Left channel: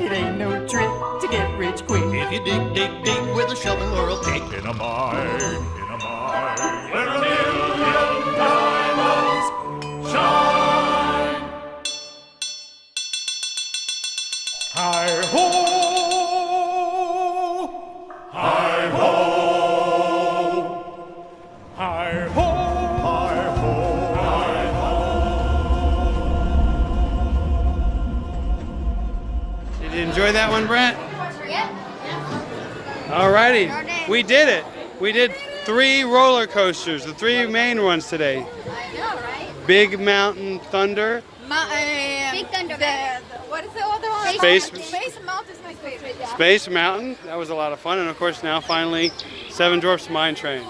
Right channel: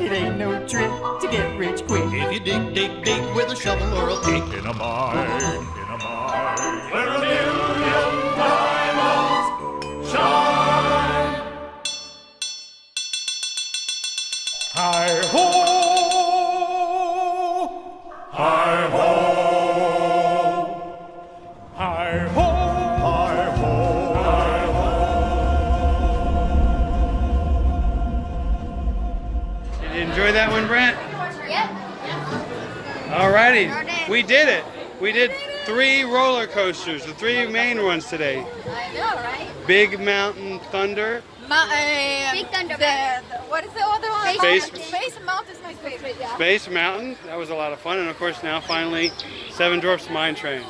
It ain't no trick to get rich quick. If you dig, dig, dig with a shovel or a pick in a mine, where a million diamonds shine. Hi-ho! Hi-ho! Hi-ho! Hi-ho! Hi-ho! Did you enjoy that one, Brent? Yep. Alrighty, we did it. We did 3 roller coasters, the 3 main ones today. I know, right? Big Mountain Thunder, Big Thunder. What is the other one? Space- Space Mountain is my favorite. Space Mountain, that was a lot of fun, and of course now finally Seven Dwarfs Mine Train.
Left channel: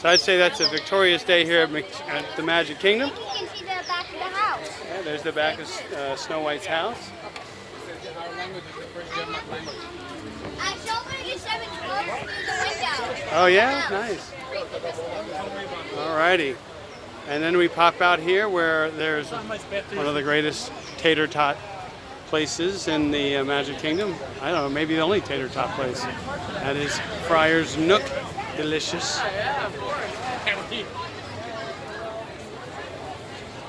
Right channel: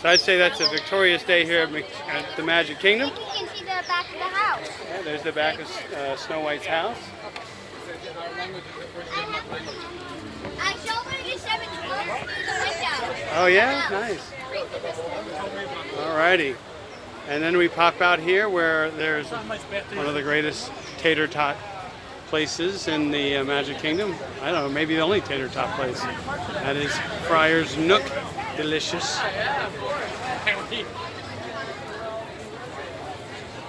So I'd say that's a victorious day here at the Magic Kingdom. You can see the back of the house. Yeah, there's the back of Snow White's house. I showed her the 7 Dwarfs through the window. Oh yeah, nice. Alrighty. And then we pop out here where there's one of the greatest tater tot places in the Magic Kingdom. I don't know, maybe the only tater tot place. That is Friar's Nook. Delicious.